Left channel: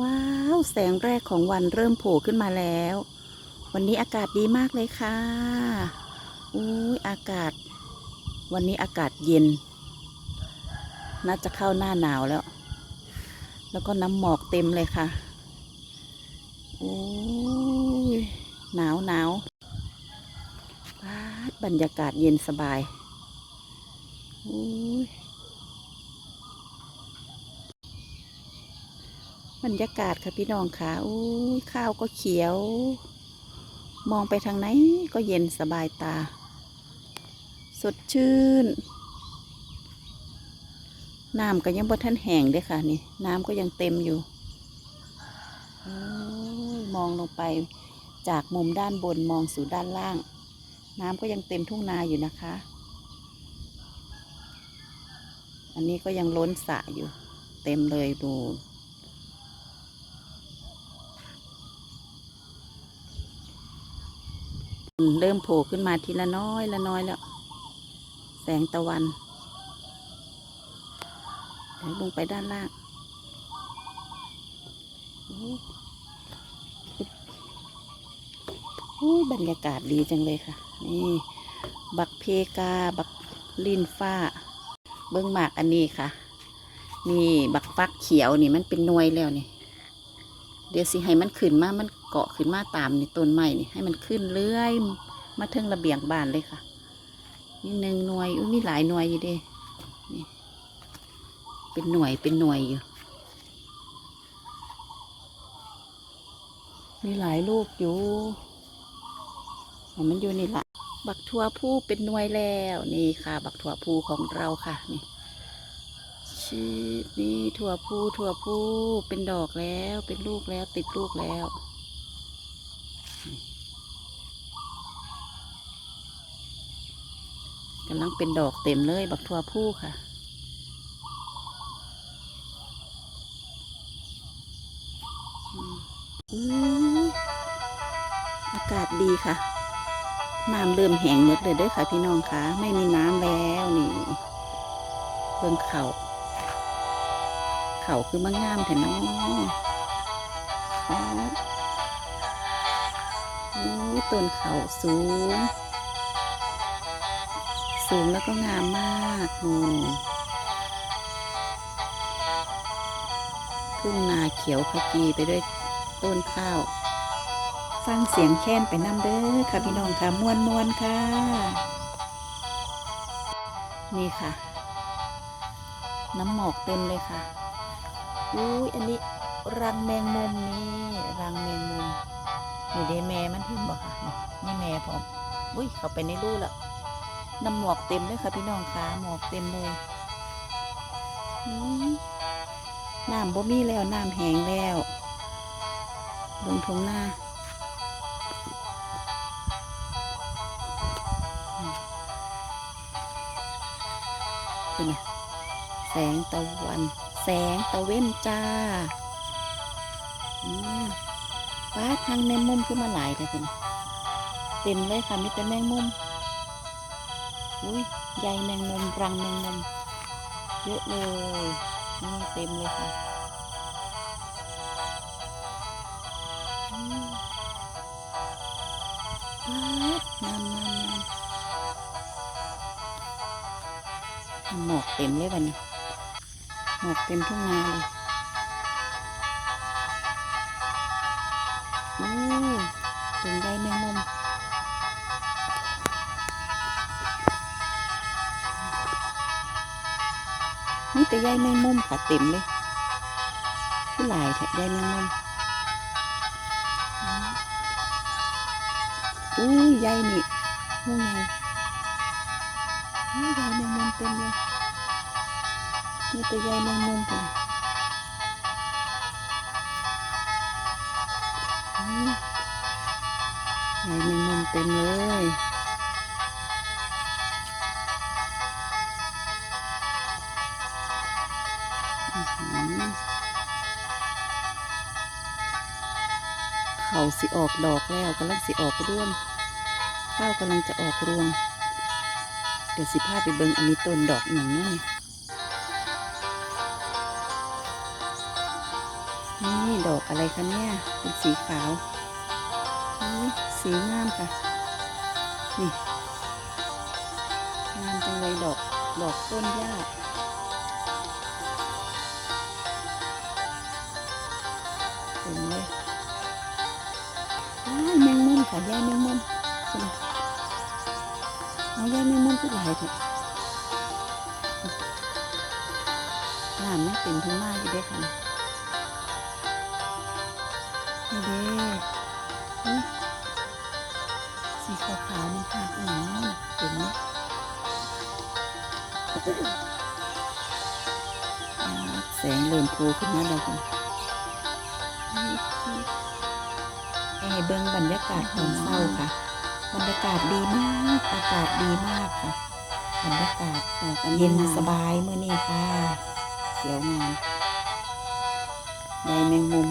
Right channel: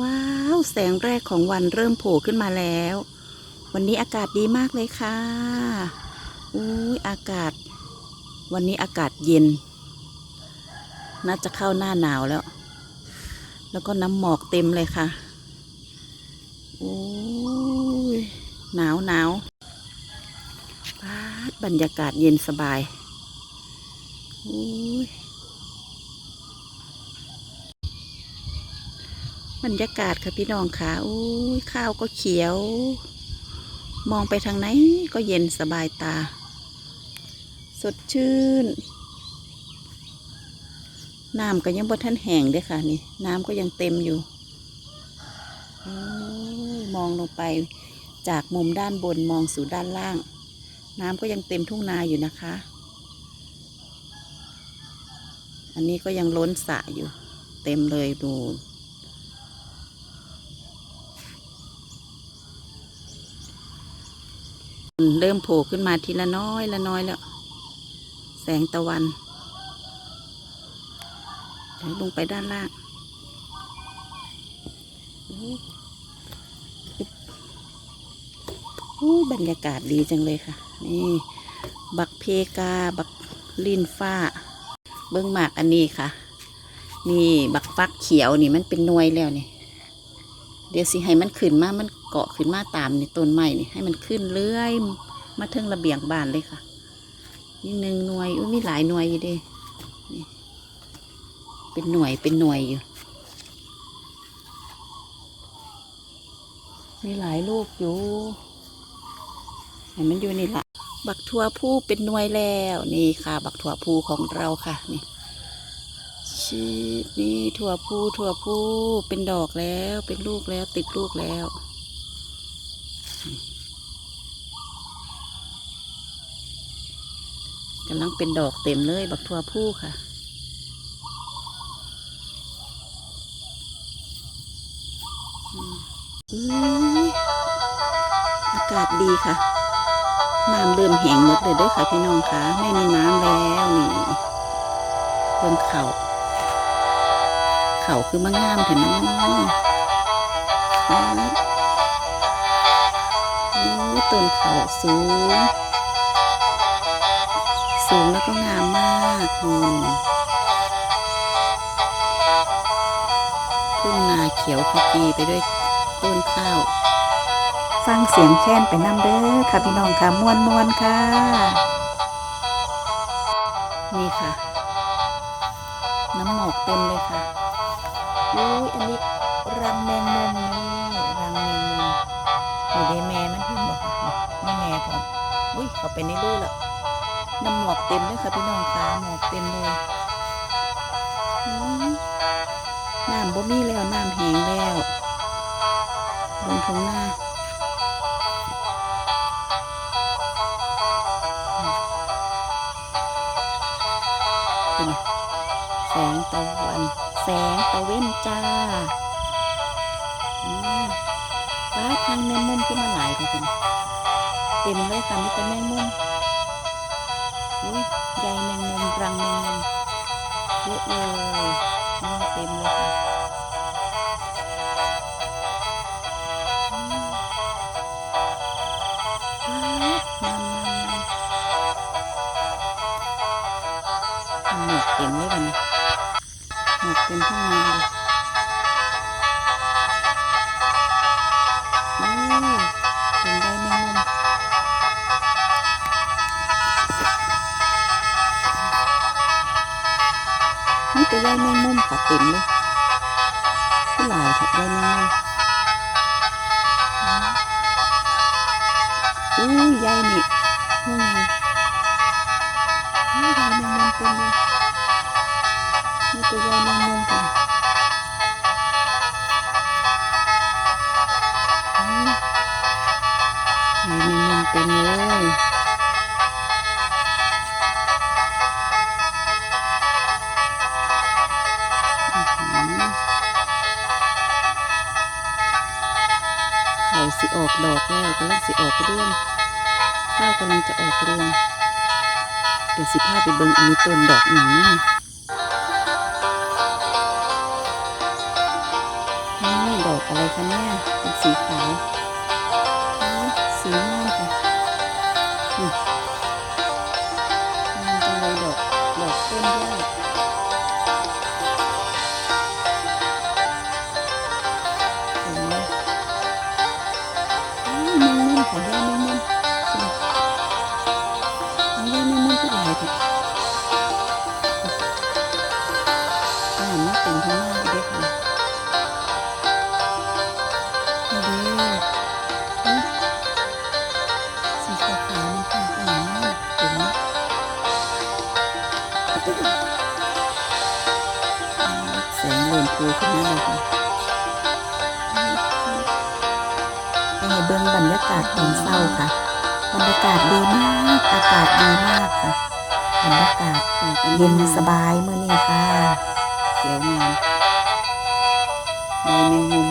ว้าว แสงแรกของวันเริ่มโผล่ขึ้นมาแล้ว วันนี้อากาศดีมากเลยค่ะอุ้ยอากาศ วันนี้อากาศเย็น น่าจะเข้าหน้าหนาวแล้ว แล้วก็น้ำหมอกเต็มเลยค่ะโอ้ยหนาวหนาวปาดบรรยากาศเย็นสบายโอ้ย บรรยากาศค่ะพี่น้องค่ะอุ้ยข้าวก็เขียว มองไปทางไหนก็เย็นสบายตา สดชื่น น้ำก็ยังบ่ทันแห้งเด้อค่ะนี่ น้ำก็ยังเต็มอยู่โอ้ยมองลงไปจากมุมด้านบนมองสู่ด้านล่าง น้ำก็ยังเต็มทุ่งนาอยู่นะคะ อันนี้ก็ยังล้นสระอยู่ เต็มเลยดู เริ่มโผล่ขึ้นมาทีละน้อยละน้อยแล้ว แสงตะวันเดี๋ยวลงไปด้านล่างอู้บรรยากาศดีจังเลยค่ะ นี่ บักเพกา บักลินฟ้า เบิ้องหมากอันนี้ค่ะ นี่ บักฟักเขียวนี่มันเป็นนวยแล้วนี่ เดี๋ยวสิให้มันขึ้นมา มันเกาะขึ้นมาตามในต้นไม้นี่ให้มันขึ้นเรื่อย มาเทิงระเบียงบ้านเลยค่ะ นี่หนึ่งหน่วย อุ้ยมีหลายหน่วยอยู่ดินี่เป็นหน่วยเป็นหน่วยอยู่ มีหลายลูกอยู่ให้มันอยู่นี่ละบักทั่วผู้เป็นหน่วยแล้วนี่ค่ะ บักทั่วผู้ของเราค่ะนี่ ชีนี่ถั่วผู้ถั่วผู้เป็นดอกแล้วเป็นลูกแล้วติดลูกแล้ว กำลังเป็นดอกเต็มเลย บักทั่วผู้ค่ะ อากาศดีค่ะ น้ำเริ่มแห้งหมดเลยด้อค่ะพี่น้องค่ะ ไม่มีน้ำแล้วนี่เบิ่งเขา เขาคือมางงามเถอะน้องอู้ต้นเขาสูง สูงแล้วก็งามมากอืมทุ่งนาเขียวขจีไปด้วยต้นข้าวฟังเสียงแค้นไปน้ำเด้อค่ะพี่น้องค่ะมวนมวนๆค่ะ นี่ค่ะ น้ำหมอกเต็มเลยค่ะ อุ้ยอันนี้รังแมงมุมนี่รังแมงมุมอยู่ในแม่มันเห็นบ่ค่ะนี่แม่ผมอุ้ยเขาไปในรูแล้วน้ำหมอกเต็มเลยค่ะพี่น้องค่ะหมอกเต็มเลยน้ำบ่มีแล้วน้ำแห้งแล้วลงทุ่งนาเป็นไงแสงตะวัน แสงตะเว้นจ้าป้าทางแมงมุมขึ้นมาหลายเลยเป็นเต็มเลยค่ะมีแต่แมงมุมอุ้ยใยแมงมุมรังแมงมุมเยอะเลยนี่เต็มเลยค่ะหมอกเต็มเลยวันนี้ หมอกเต็มทุ่งนาเลยอู้เป็นใยแมงมุมนี่แต่ใยแมงมุมค่ะเต็มเลยผู้หลายค่ะใยแมงมุมอู้ใยนี่หูใหญ่ใยแมงมุมเต็มเลย นี่แต่ใยแมงมุมค่ะอู้ใยแมงมุมเต็มเลยอ๋อเขาสิออกดอกแล้วกำลังสิออกร่วงข้าวกำลังจะออกรวง เดี๋ยวสิพาไปเบิ่งอันนี้ต้นดอกหนังนะ ดอกอะไรคะเนี่ยเป็นสีขาวสีงามค่ะนี่งามจังเลยดอกดอกต้นหญ้าเห็นไหมแมงมุมค่ะย่แมงมุมเอาย่แมงมุมก็หลายเถอะน้ำมันเป็นข้างหน้าอีกเด้อค่ะ แสงเริ่มปูขึ้นมาแล้วค่ะให้เบิ่งบรรยากาศตอนเช้าค่ะ บรรยากาศดีมาก อากาศดีมากค่ะ บรรยากาศเย็นสบายเมื่อนี้ค่ะเขียวงามใบแมงมุม